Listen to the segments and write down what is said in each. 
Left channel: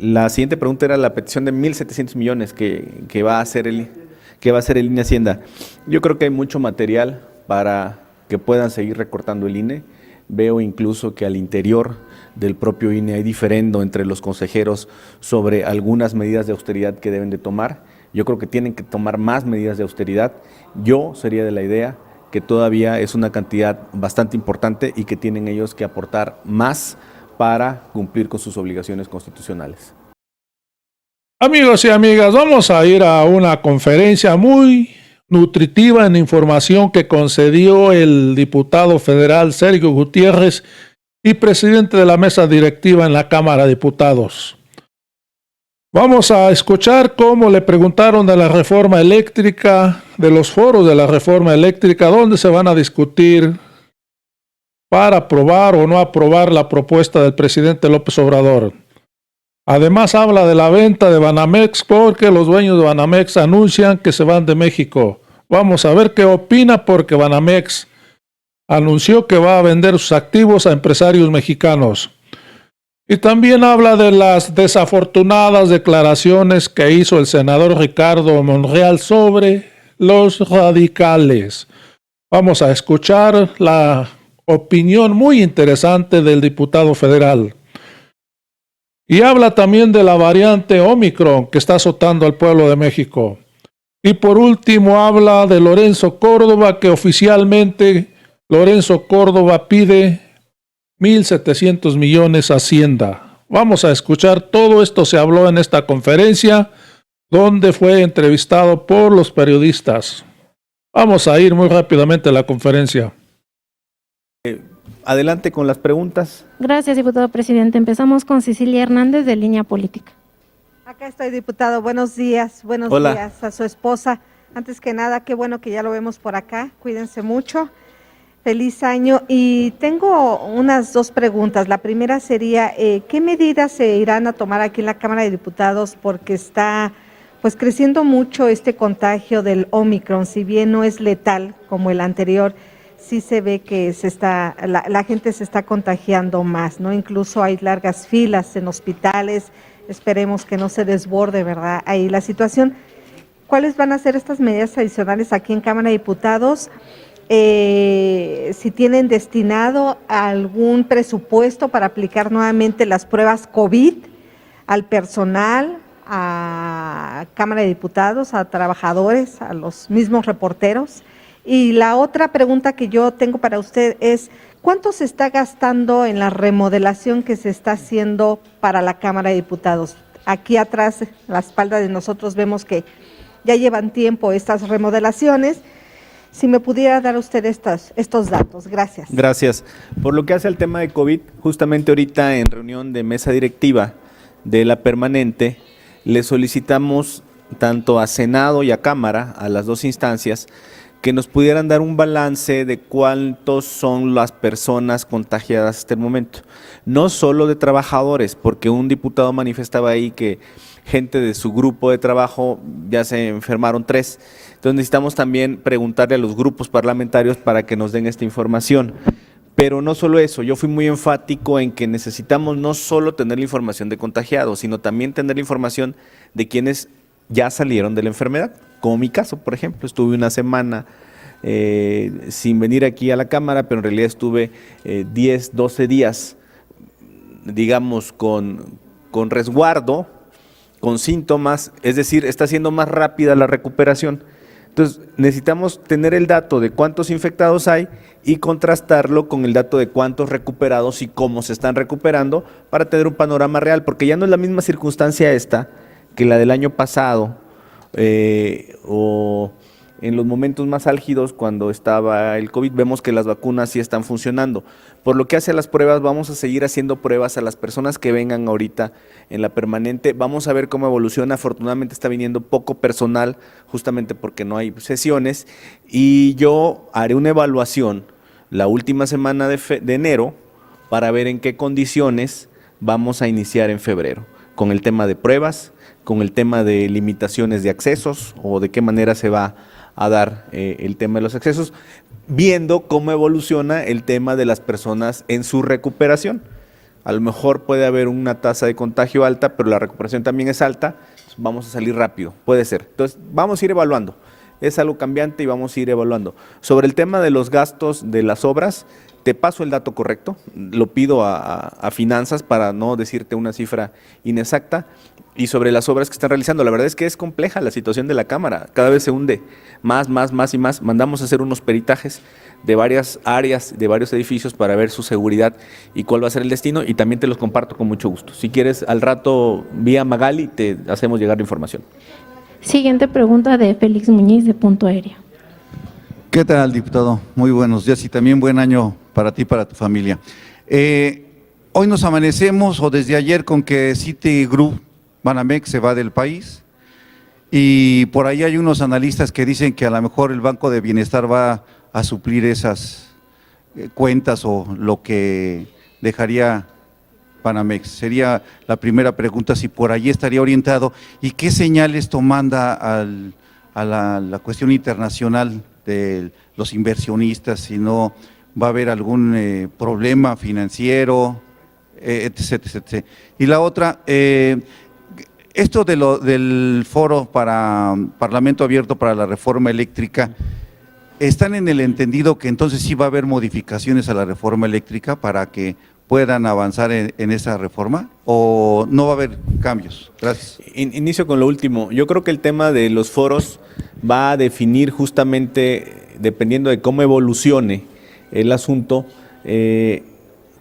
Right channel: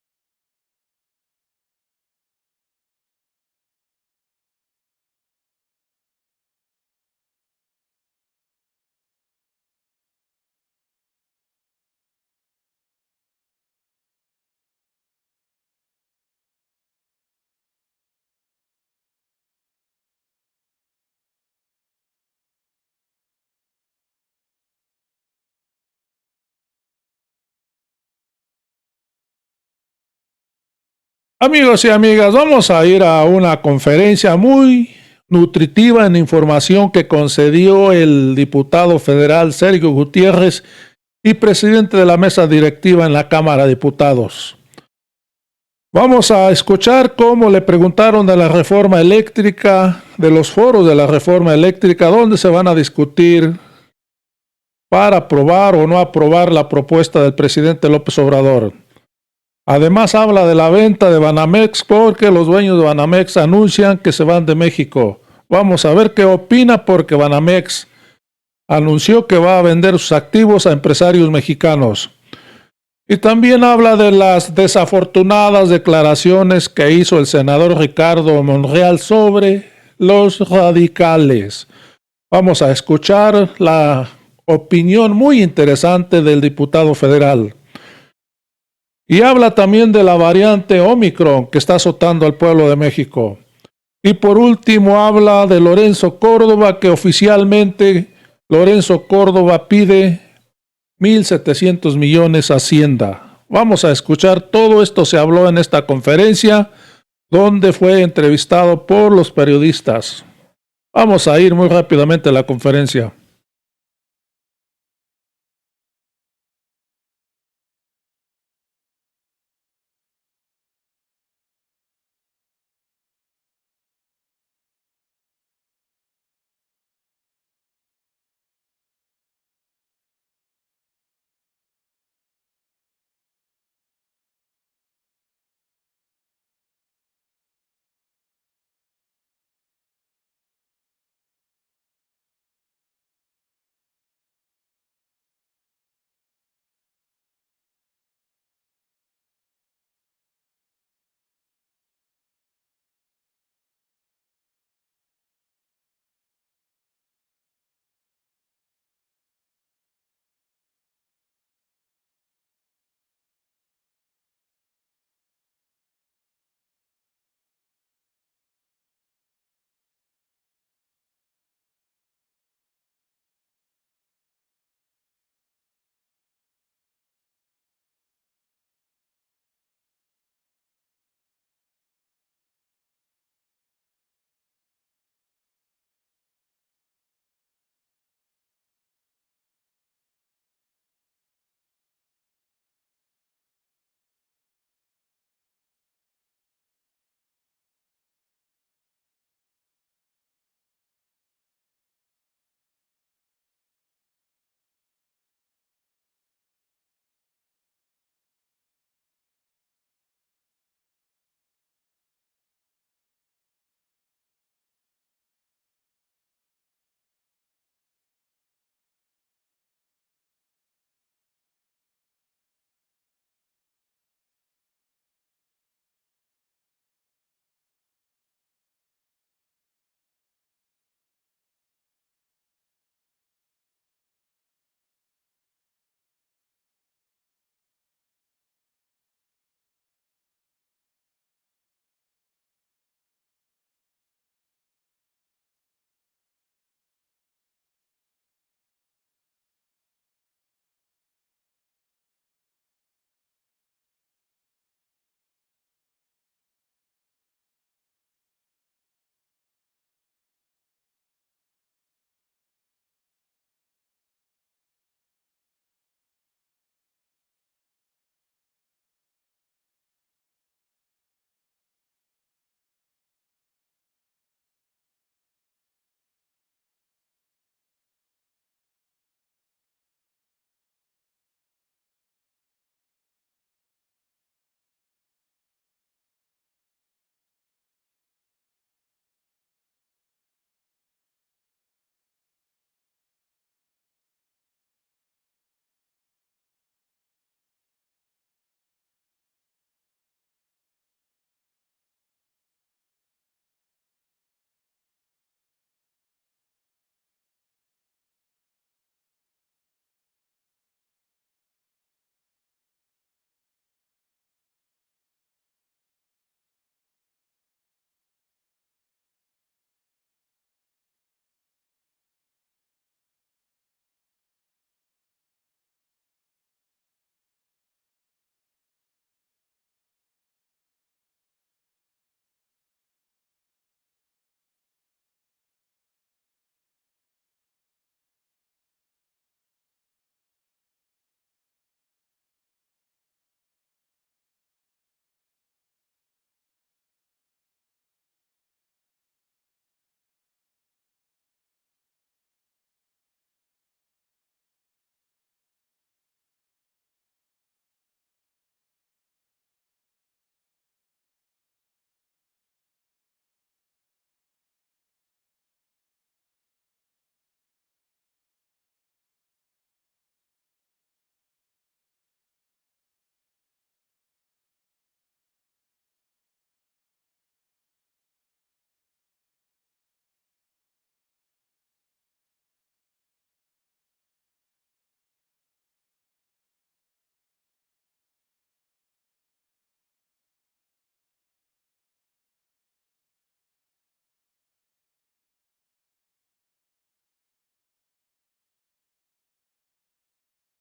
La siguiente pregunta era la petición de 1.700 millones que va a hacer el INE Hacienda. Yo creo que hay mucho material para que puedan seguir recortando el INE. Veo incluso que al interior del propio INE hay diferendo entre los consejeros sobre algunas medidas de austeridad que deben de tomar. Yo creo que tienen que tomar más medidas de austeridad. Yo sería de la idea que todavía es una cantidad bastante importante y que tienen ellos que aportar más para cumplir con sus obligaciones constitucionales. Amigos y amigas, vamos a ir a una conferencia muy nutritiva en información que concedió el diputado federal Sergio Gutiérrez y presidente de la mesa directiva en la Cámara de Diputados. Vamos a escuchar cómo le preguntaron de la reforma eléctrica, de los foros de la reforma eléctrica, dónde se van a discutir para aprobar o no aprobar la propuesta del presidente López Obrador. Además habla de la venta de Banamex porque los dueños de Banamex anuncian que se van de México. Vamos a ver qué opina porque Banamex anunció que va a vender sus activos a empresarios mexicanos. Y también habla de las desafortunadas declaraciones que hizo el senador Ricardo Monreal sobre los radicales. Vamos a escuchar la opinión muy interesante del diputado federal. Y habla también de la variante Omicron que está azotando al pueblo de México. Y por último habla de Lorenzo Córdoba, que oficialmente Lorenzo Córdoba pide 1.700 millones a Hacienda. Vamos a escuchar, todo esto se habló en esta conferencia, donde fue entrevistado por los periodistas. Vamos a ir muy rápidamente a la conferencia. Adelante con las preguntas. Gracias, diputado presidente. Empezamos con Cecilia Hernández, de Línea Política. Acá estoy, diputado. Buenos días. Buenos Hola. días a su esposa. Antes que nada, qué bueno que ya lo vemos por acá. Cuídense mucho. Feliz año. Y tengo unas dos preguntas. La primera sería, ¿qué medidas se irán a tomar aquí en la Cámara de Diputados? Porque está pues creciendo mucho este contagio del Omicron. Si bien no es letal como el anterior, sí se ve que la gente se está contagiando más, ¿no? Incluso hay largas filas en hospitales. Esperemos que no se desborde, ¿verdad? Ahí la situación. ¿Cuáles van a ser estas medidas adicionales aquí en Cámara de Diputados? Si tienen destinado algún presupuesto para aplicar nuevamente las pruebas COVID al personal, a Cámara de Diputados, a trabajadores, a los mismos reporteros. Y la otra pregunta que yo tengo para usted es, ¿cuánto se está gastando en la remodelación que se está haciendo para la Cámara de Diputados? Aquí atrás, a la espalda de nosotros, vemos que ya llevan tiempo estas remodelaciones. Si me pudiera dar usted estos datos. Gracias. Gracias. Por lo que hace al tema de COVID, justamente ahorita en reunión de mesa directiva de la permanente, le solicitamos tanto a Senado y a Cámara, a las dos instancias, que nos pudieran dar un balance de cuántos son las personas contagiadas hasta el momento. No solo de trabajadores, porque un diputado manifestaba ahí que gente de su grupo de trabajo ya se enfermaron 3. Entonces necesitamos también preguntarle a los grupos parlamentarios para que nos den esta información. Pero no solo eso, yo fui muy enfático en que necesitamos no solo tener la información de contagiados, sino también tener la información de quienes ya salieron de la enfermedad. Como mi caso, por ejemplo, estuve una semana sin venir aquí a la Cámara, pero en realidad estuve 10, 12 días, digamos, con resguardo, con síntomas, es decir, está siendo más rápida la recuperación. Entonces, necesitamos tener el dato de cuántos infectados hay y contrastarlo con el dato de cuántos recuperados y cómo se están recuperando para tener un panorama real, porque ya no es la misma circunstancia esta que la del año pasado, o en los momentos más álgidos cuando estaba el COVID. Vemos que las vacunas sí están funcionando. Por lo que hace a las pruebas, vamos a seguir haciendo pruebas a las personas que vengan ahorita en la permanente. Vamos a ver cómo evoluciona. Afortunadamente está viniendo poco personal, justamente porque no hay sesiones, y yo haré una evaluación la última semana de enero para ver en qué condiciones vamos a iniciar en febrero, con el tema de pruebas, con el tema de limitaciones de accesos o de qué manera se va a dar el tema de los accesos, viendo cómo evoluciona el tema de las personas en su recuperación. A lo mejor puede haber una tasa de contagio alta, pero la recuperación también es alta, vamos a salir rápido, puede ser. Entonces, vamos a ir evaluando. Es algo cambiante y vamos a ir evaluando. Sobre el tema de los gastos de las obras, te paso el dato correcto, lo pido a finanzas para no decirte una cifra inexacta. Y sobre las obras que están realizando, la verdad es que es compleja la situación de la Cámara, cada vez se hunde más y más. Mandamos a hacer unos peritajes de varias áreas, de varios edificios para ver su seguridad y cuál va a ser el destino, y también te los comparto con mucho gusto. Si quieres, al rato vía Magali te hacemos llegar la información. Siguiente pregunta de Félix Muñiz de Punto Aéreo. ¿Qué tal, diputado? Muy buenos días y también buen año para ti y para tu familia. Hoy nos amanecemos, o desde ayer, con que Citigroup Banamex se va del país, y por ahí hay unos analistas que dicen que a lo mejor el Banco de Bienestar va a suplir esas cuentas o lo que dejaría Banamex. Sería la primera pregunta, si por ahí estaría orientado, y qué señales esto manda a la cuestión internacional de los inversionistas, si no va a haber algún problema financiero, etc, etc. Y la otra, esto del foro para Parlamento Abierto para la Reforma Eléctrica, ¿están en el entendido que entonces sí va a haber modificaciones a la reforma eléctrica para que puedan avanzar en esa reforma, o no va a haber cambios? Gracias. Inicio con lo último. Yo creo que el tema de los foros va a definir justamente, dependiendo de cómo evolucione el asunto,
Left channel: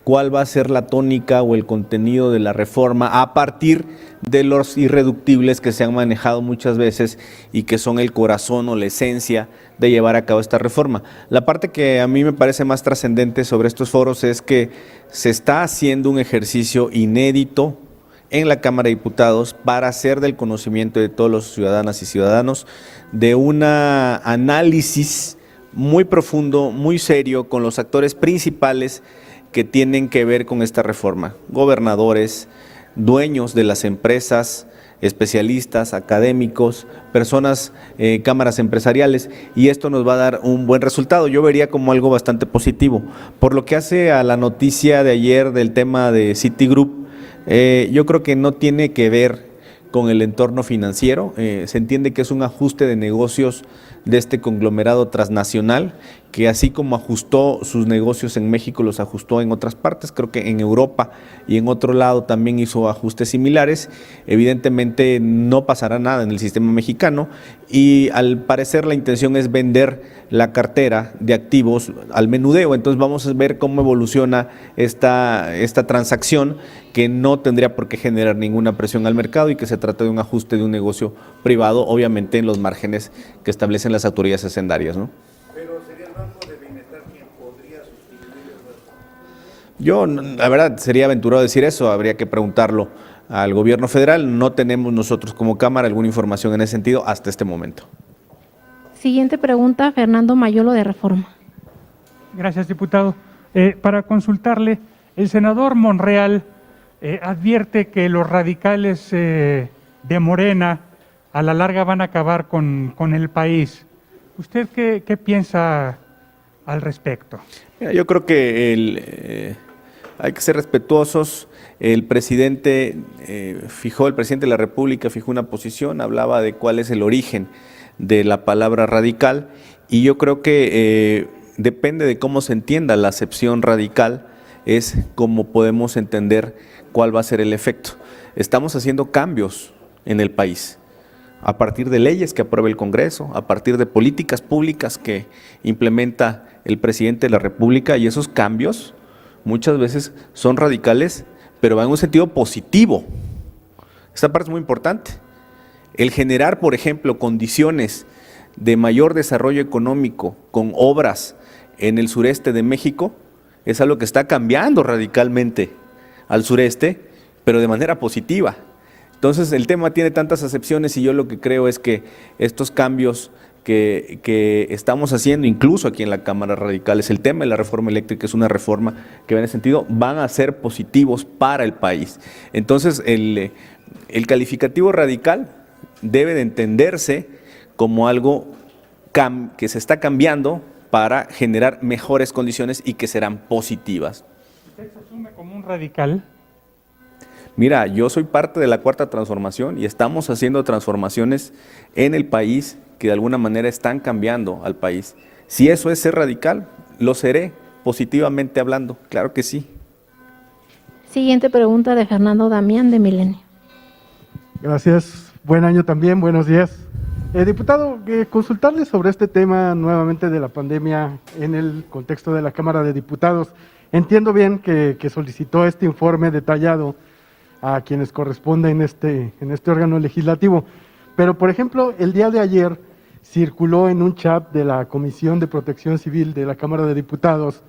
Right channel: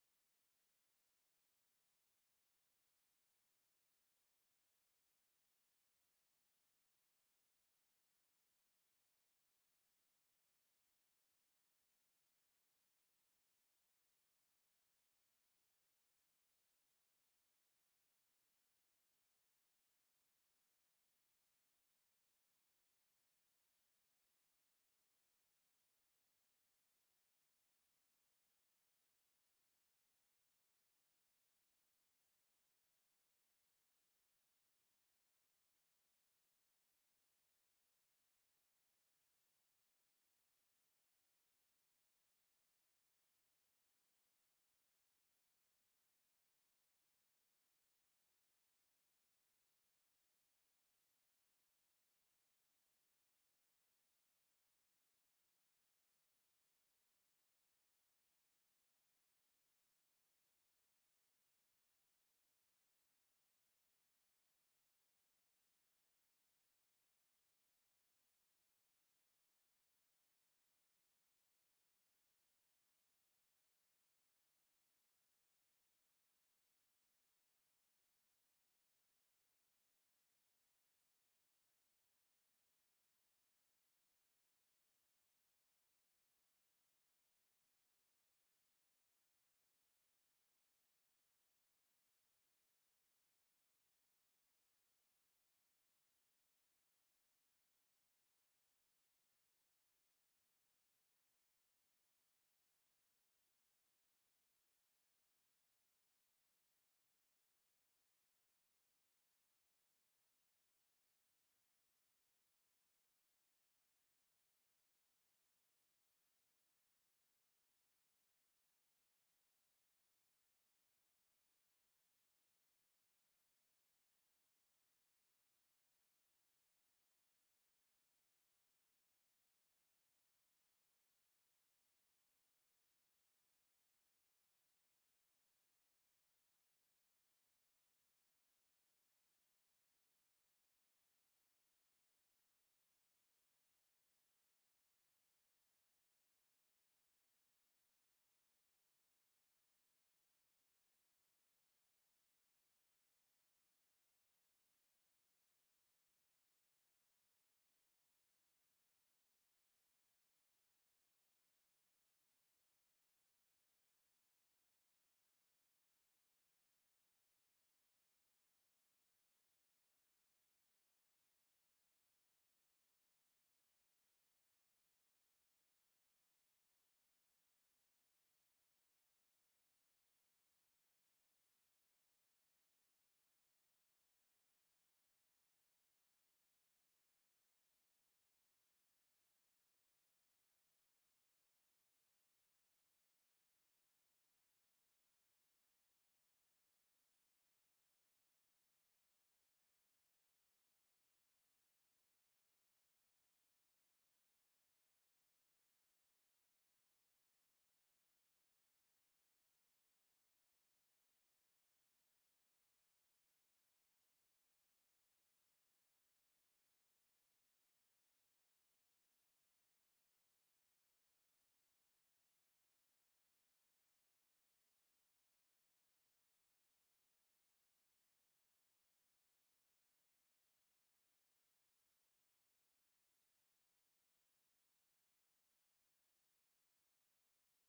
cuál va a ser la tónica o el contenido de la reforma a partir de los irreductibles que se han manejado muchas veces y que son el corazón o la esencia de llevar a cabo esta reforma. La parte que a mí me parece más trascendente sobre estos foros es que se está haciendo un ejercicio inédito en la Cámara de Diputados para hacer del conocimiento de todos los ciudadanas y ciudadanos de un análisis muy profundo, muy serio, con los actores principales que tienen que ver con esta reforma: gobernadores, dueños de las empresas, especialistas, académicos, personas, cámaras empresariales, y esto nos va a dar un buen resultado. Yo vería como algo bastante positivo. Por lo que hace a la noticia de ayer del tema de Citigroup, yo creo que no tiene que ver con el entorno financiero. Se entiende que es un ajuste de negocios de este conglomerado transnacional, que así como ajustó sus negocios en México, los ajustó en otras partes. Creo que en Europa y en otro lado también hizo ajustes similares. Evidentemente no pasará nada en el sistema mexicano, y al parecer la intención es vender la cartera de activos al menudeo. Entonces vamos a ver cómo evoluciona esta transacción, que no tendría por qué generar ninguna presión al mercado, y que se trata de un ajuste de un negocio privado, obviamente en los márgenes que establecen las autoridades hacendarias, ¿no? Pero sería el Banco de Bienestar quien podría sustituir el... Yo, la verdad, sería aventurado decir eso, habría que preguntarlo al gobierno federal. No tenemos nosotros como Cámara alguna información en ese sentido hasta este momento. Siguiente pregunta, Fernando Mayolo de Reforma. Gracias, diputado. Para consultarle, el senador Monreal advierte que los radicales de Morena a la larga van a acabar con el país. ¿Usted qué piensa al respecto? Mira, yo creo que hay que ser respetuosos. El presidente el presidente de la República fijó una posición, hablaba de cuál es el origen de la palabra radical, y yo creo que depende de cómo se entienda la acepción radical, es como podemos entender cuál va a ser el efecto. Estamos haciendo cambios en el país a partir de leyes que aprueba el Congreso, a partir de políticas públicas que implementa el presidente de la República, y esos cambios muchas veces son radicales, pero van en un sentido positivo. Esta parte es muy importante. El generar, por ejemplo, condiciones de mayor desarrollo económico con obras en el sureste de México es algo que está cambiando radicalmente al sureste, pero de manera positiva. Entonces el tema tiene tantas acepciones, y yo lo que creo es que estos cambios que estamos haciendo, incluso aquí en la Cámara Radicales, el tema de la reforma eléctrica es una reforma que va en ese sentido, van a ser positivos para el país. Entonces el calificativo radical debe de entenderse como algo que se está cambiando para generar mejores condiciones y que serán positivas. ¿Usted se asume como un radical? Mira, yo soy parte de la Cuarta Transformación y estamos haciendo transformaciones en el país que de alguna manera están cambiando al país. Si eso es ser radical, lo seré, positivamente hablando, claro que sí. Siguiente pregunta de Fernando Damián de Milenio. Gracias. Buen año también, buenos días. Diputado, consultarle sobre este tema nuevamente de la pandemia en el contexto de la Cámara de Diputados. Entiendo bien que solicitó este informe detallado a quienes corresponde en este órgano legislativo, pero por ejemplo, el día de ayer circuló en un chat de la Comisión de Protección Civil de la Cámara de Diputados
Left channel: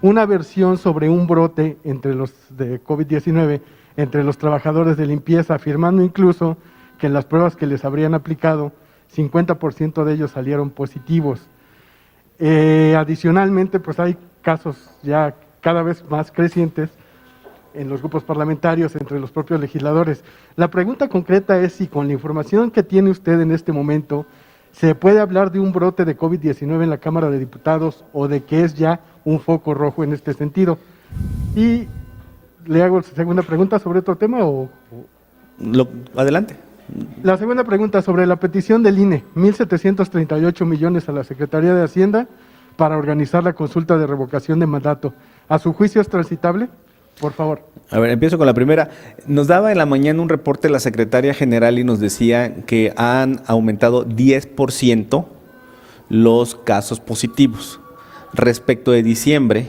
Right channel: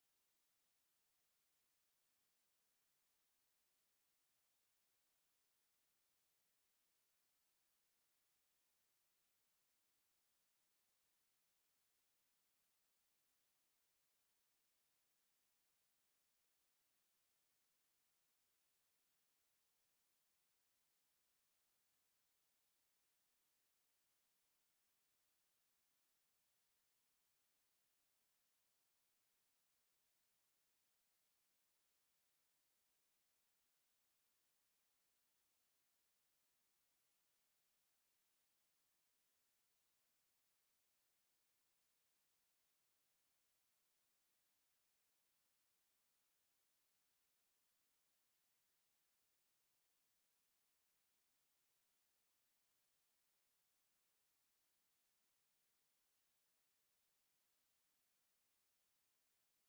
una versión sobre un brote entre los de COVID-19 entre los trabajadores de limpieza, afirmando incluso que en las pruebas que les habrían aplicado, 50% de ellos salieron positivos. Adicionalmente, pues hay casos ya cada vez más crecientes en los grupos parlamentarios, entre los propios legisladores. La pregunta concreta es si con la información que tiene usted en este momento, ¿se puede hablar de un brote de COVID-19 en la Cámara de Diputados o de que es ya un foco rojo en este sentido? Y le hago segunda pregunta sobre otro tema Adelante. La segunda pregunta sobre la petición del INE, 1.738 millones a la Secretaría de Hacienda para organizar la consulta de revocación de mandato. ¿A su juicio es transitable? Por favor. A ver, empiezo con la primera. Nos daba en la mañana un reporte la Secretaria General y nos decía que han aumentado 10% los casos positivos. Respecto de diciembre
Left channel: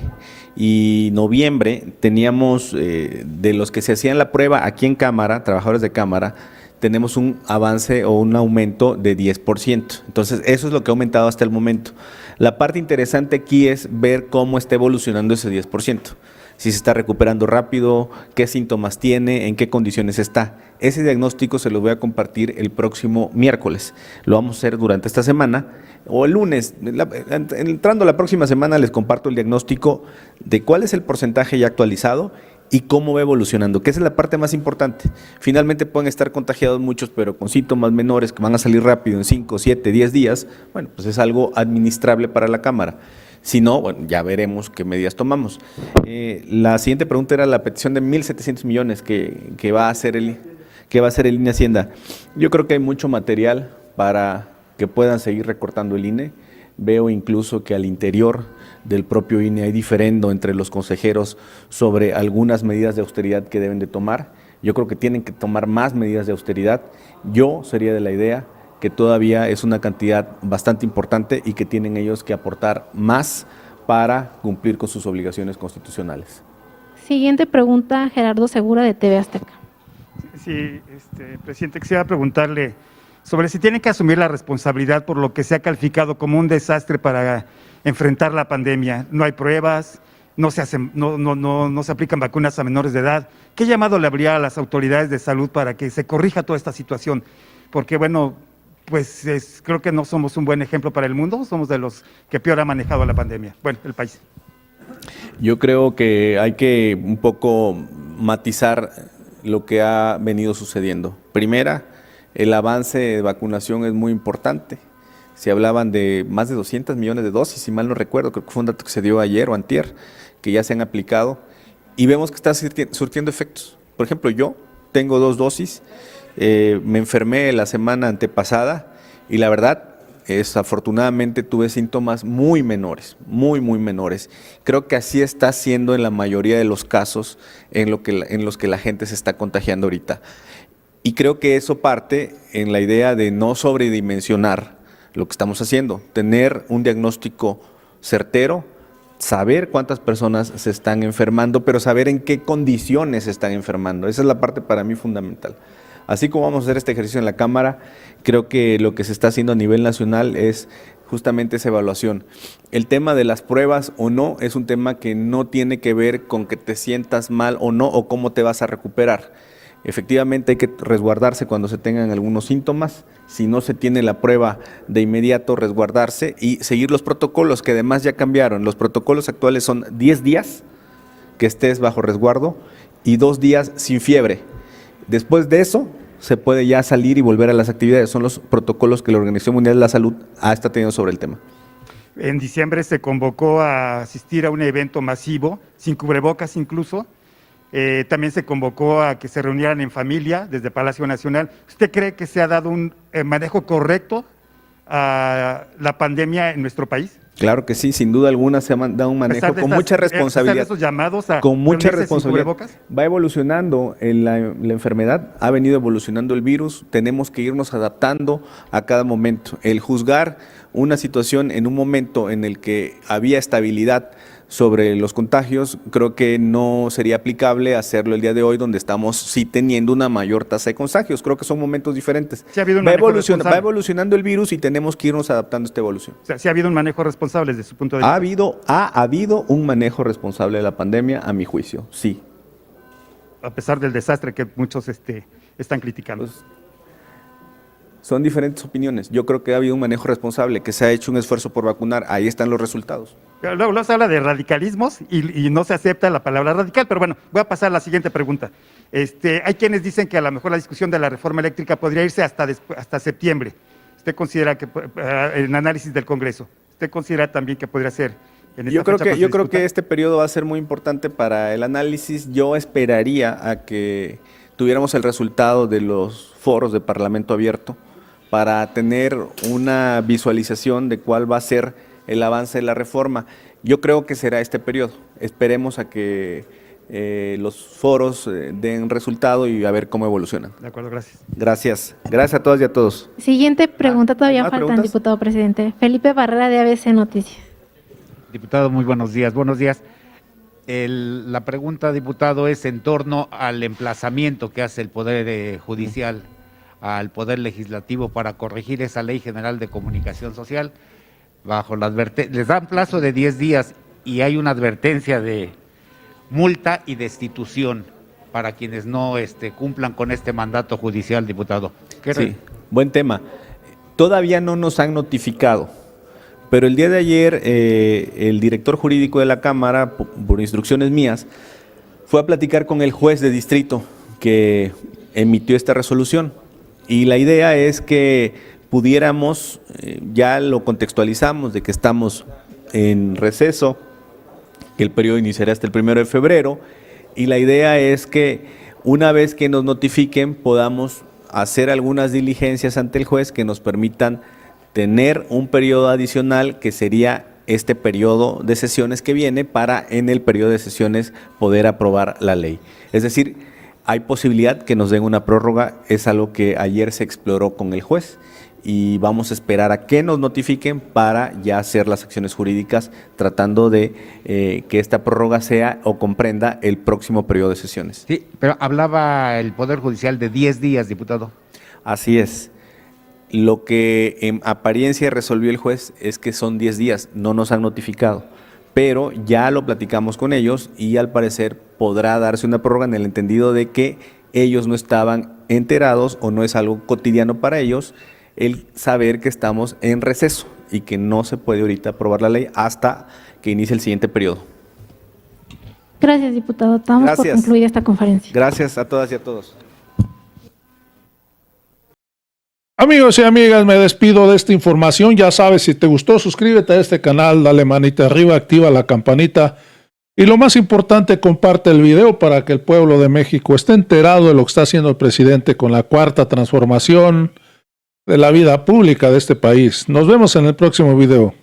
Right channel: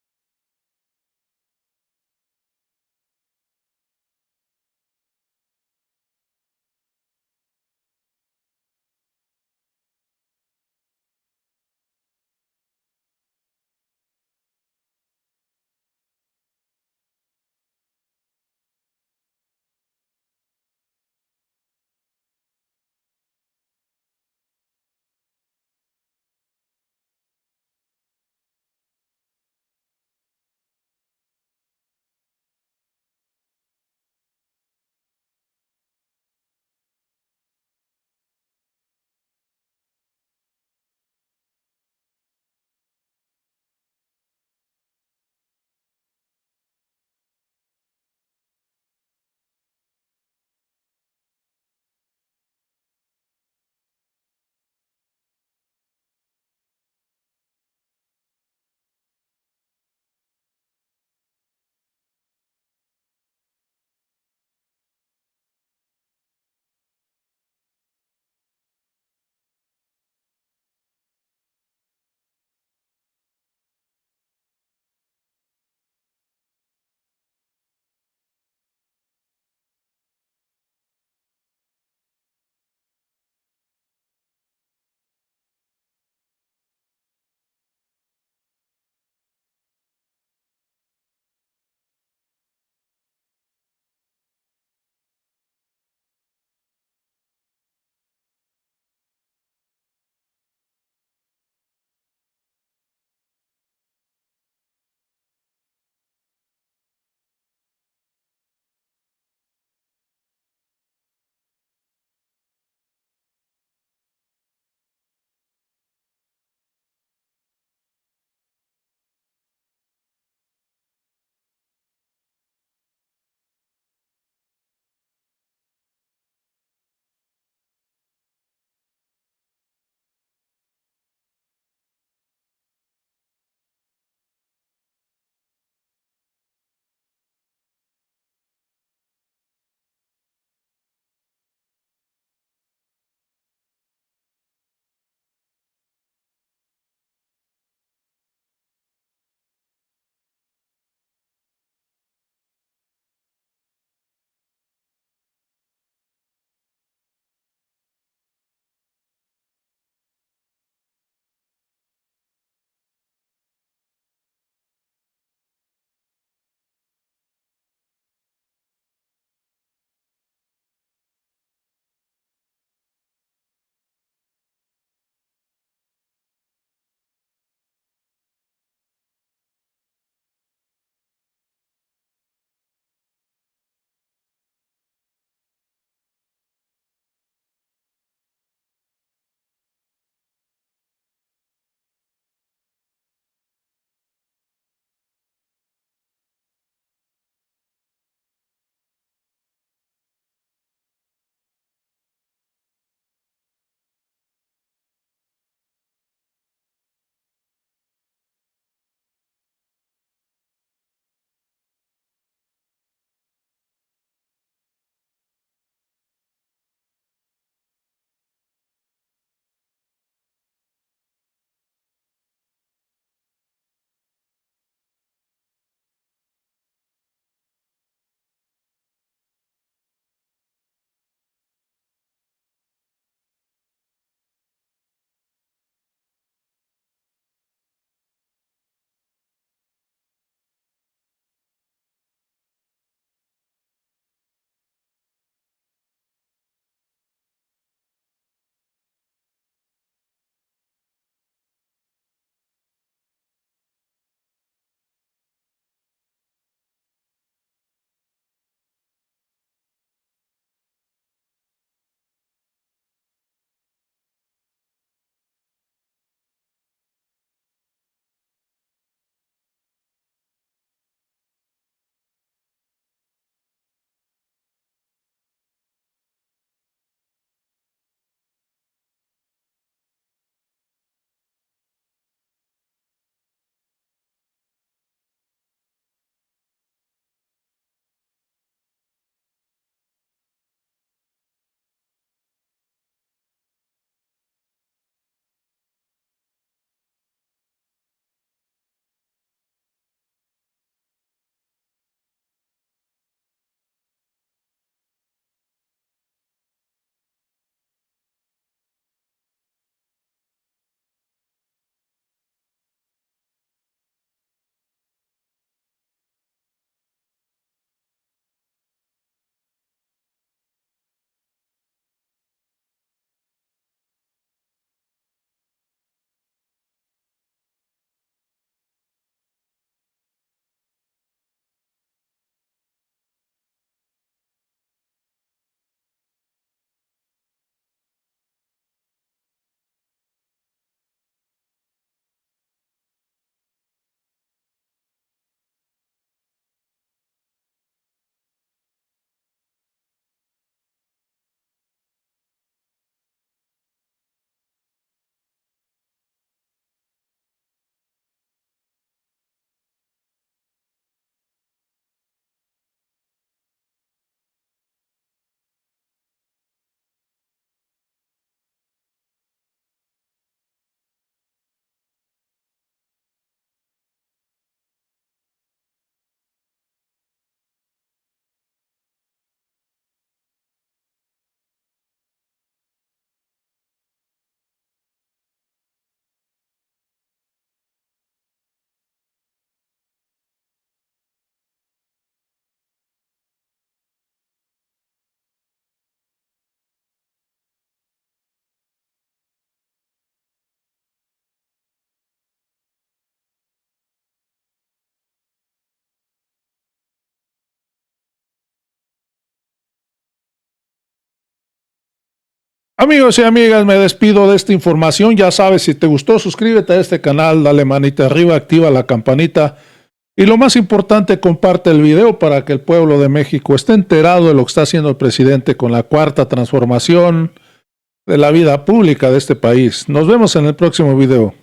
y noviembre, teníamos de los que se hacían la prueba aquí en Cámara, trabajadores de Cámara, tenemos un avance o un aumento de 10%. Entonces, eso es lo que ha aumentado hasta el momento. La parte interesante aquí es ver cómo está evolucionando ese 10%. Si se está recuperando rápido, qué síntomas tiene, en qué condiciones está. Ese diagnóstico se lo voy a compartir el próximo miércoles. Lo vamos a hacer durante esta semana o el lunes. Entrando la próxima semana les comparto el diagnóstico de cuál es el porcentaje ya actualizado y cómo va evolucionando, que esa es la parte más importante. Finalmente pueden estar contagiados muchos, pero con síntomas menores que van a salir rápido en 5, 7, 10 días. Bueno, pues es algo administrable para la Cámara. Si no, bueno, ya veremos qué medidas tomamos. La siguiente pregunta era la petición de 1.700 millones que va a hacer el INE Hacienda. Yo creo que hay mucho material para que puedan seguir recortando el INE. Veo incluso que al interior del propio INE hay diferendo entre los consejeros sobre algunas medidas de austeridad que deben de tomar. Yo creo que tienen que tomar más medidas de austeridad. Yo sería de la idea que todavía es una cantidad bastante importante y que tienen ellos que aportar más para cumplir con sus obligaciones constitucionales. Siguiente pregunta, Gerardo Segura de TV Azteca. Sí, presidente, quisiera preguntarle sobre si tienen que asumir la responsabilidad por lo que se ha calificado como un desastre para enfrentar la pandemia. No hay pruebas, no se aplican vacunas a menores de edad. ¿Qué llamado le habría a las autoridades de salud para que se corrija toda esta situación? Porque, bueno, pues creo que no somos un buen ejemplo para el mundo, somos de los que peor ha manejado la pandemia, bueno, el país. Yo creo que hay que un poco matizar lo que ha venido sucediendo. Primera, el avance de vacunación es muy importante. Se hablaban de más de 200 millones de dosis, si mal no recuerdo, creo que fue un dato que se dio ayer o antier, que ya se han aplicado, y vemos que está surtiendo efectos. Por ejemplo, yo tengo 2 dosis, me enfermé la semana antepasada y la verdad, afortunadamente tuve síntomas muy menores, muy menores. Creo que así está siendo en la mayoría de los casos en los que la gente se está contagiando ahorita. Y creo que eso parte en la idea de no sobredimensionar lo que estamos haciendo, tener un diagnóstico certero, saber cuántas personas se están enfermando, pero saber en qué condiciones se están enfermando. Esa es la parte para mí fundamental. Así como vamos a hacer este ejercicio en la Cámara, creo que lo que se está haciendo a nivel nacional es justamente esa evaluación. El tema de las pruebas o no es un tema que no tiene que ver con que te sientas mal o no, o cómo te vas a recuperar. Efectivamente hay que resguardarse cuando se tengan algunos síntomas. Si no se tiene la prueba, de inmediato resguardarse y seguir los protocolos que además ya cambiaron. Los protocolos actuales son 10 días que estés bajo resguardo y 2 días sin fiebre. Después de eso, se puede ya salir y volver a las actividades. Son los protocolos que la Organización Mundial de la Salud ha estado teniendo sobre el tema. En diciembre se convocó a asistir a un evento masivo, sin cubrebocas incluso. También se convocó a que se reunieran en familia desde Palacio Nacional. ¿Usted cree que se ha dado un manejo correcto a la pandemia en nuestro país? Claro que sí, sin duda alguna se ha dado un manejo con mucha responsabilidad. Esos llamados a Con mucha reunirse sin responsabilidad. cubrebocas? Va evolucionando la enfermedad, ha venido evolucionando el virus, tenemos que irnos adaptando a cada momento. El juzgar una situación en un momento en el que había estabilidad sobre los contagios, creo que no sería aplicable hacerlo el día de hoy, donde estamos sí teniendo una mayor tasa de contagios. Creo que son momentos diferentes. Sí ha habido un Va manejo responsable. evolucionando el virus y tenemos que irnos adaptando a esta evolución. O sea, sí ha habido un manejo responsable desde su punto de vista. Ha habido un manejo responsable de la pandemia, a mi juicio, sí. A pesar del desastre que muchos están criticando. Pues, son diferentes opiniones. Yo creo que ha habido un manejo responsable, que se ha hecho un esfuerzo por vacunar. Ahí están los resultados. Pero luego se habla de radicalismos y no se acepta la palabra radical, pero bueno, voy a pasar a la siguiente pregunta. Hay quienes dicen que a lo mejor la discusión de la reforma eléctrica podría irse hasta septiembre. ¿Usted considera que, en análisis del Congreso, usted considera también que podría ser en esta Yo creo fecha que este periodo va a ser muy importante para el análisis. Yo esperaría a que tuviéramos el resultado de los foros de Parlamento abierto para tener una visualización de cuál va a ser el avance de la reforma. Yo creo que será este periodo. Esperemos a que los foros den resultado y a ver cómo evolucionan. De acuerdo, gracias. Gracias. Gracias a todas y a todos. Siguiente pregunta, todavía ¿más faltan, preguntas? diputado presidente. Felipe Barrera, de ABC Noticias. Diputado, muy buenos días. Buenos días. La pregunta, diputado, es en torno al emplazamiento que hace el Poder Judicial al Poder Legislativo para corregir esa Ley General de Comunicación Social. Les dan plazo de 10 días y hay una advertencia de multa y destitución para quienes no cumplan con este mandato judicial, diputado. Sí, buen tema. Todavía no nos han notificado, pero el día de ayer el director jurídico de la Cámara, por instrucciones mías, fue a platicar con el juez de distrito que emitió esta resolución. Y la idea es que pudiéramos, ya lo contextualizamos, de que estamos en receso, que el periodo iniciará hasta el 1 de febrero, y la idea es que una vez que nos notifiquen podamos hacer algunas diligencias ante el juez que nos permitan tener un periodo adicional, que sería este periodo de sesiones que viene, para en el periodo de sesiones poder aprobar la ley. Es decir, hay posibilidad que nos den una prórroga, es algo que ayer se exploró con el juez y vamos a esperar a que nos notifiquen para ya hacer las acciones jurídicas, tratando de que esta prórroga sea o comprenda el próximo periodo de sesiones. Sí, pero hablaba el Poder Judicial de 10 días, diputado. Así es. Lo que en apariencia resolvió el juez es que son 10 días, no nos han notificado, pero ya lo platicamos con ellos y al parecer podrá darse una prórroga en el entendido de que ellos no estaban enterados o no es algo cotidiano para ellos el saber que estamos en receso y que no se puede ahorita aprobar la ley hasta que inicie el siguiente periodo. Gracias, diputado. Estamos por Gracias. concluir esta conferencia. Gracias a todas y a todos. Amigos y amigas, me despido de esta información. Ya sabes, si te gustó, suscríbete a este canal, dale manita arriba, activa la campanita y lo más importante, comparte el video para que el pueblo de México esté enterado de lo que está haciendo el presidente con la cuarta transformación de la vida pública de este país. Nos vemos en el próximo video.